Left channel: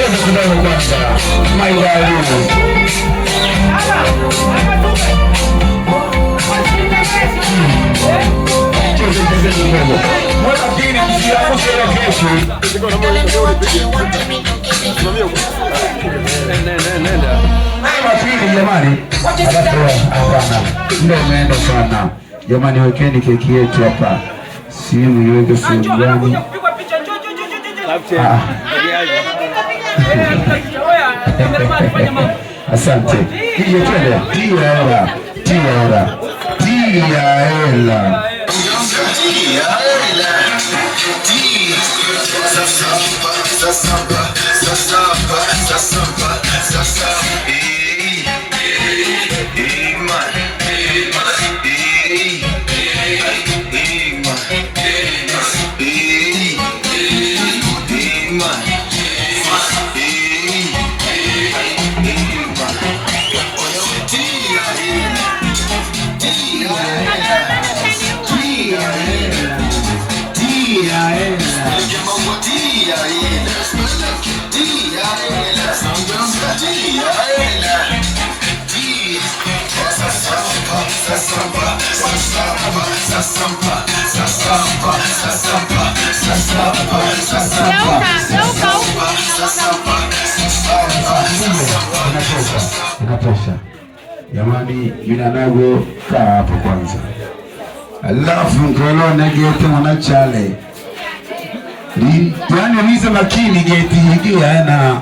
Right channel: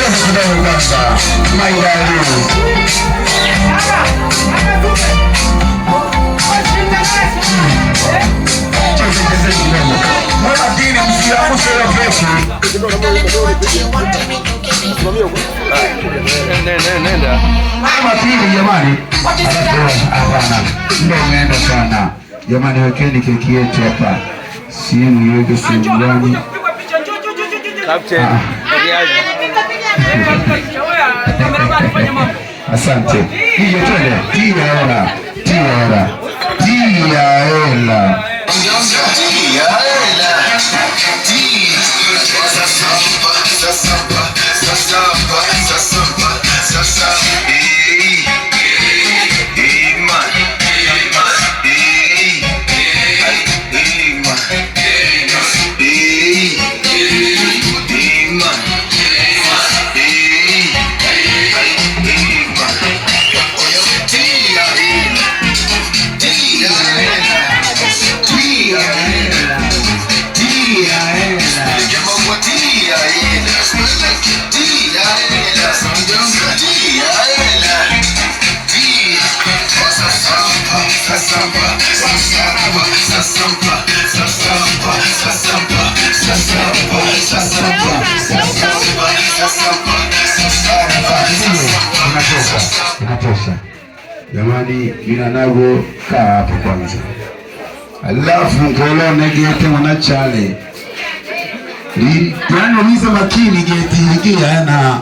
cheza kidogo kwanza. Maidali. Cheza kidogo. Mbona dini msiamu sera kesho? Nenda. Mama pili jamani. Hapana. Ndio umeenda sana. Jamani wekeni keki yetu hapa. Simu iweke sehemu gani? Asante. Hiyo twende. Tia hela. Inatosha. Jamani vinanago kaa hapo kwanza. Alafu ngolone gete wanachale. Yaani umiza makini gete hiki yana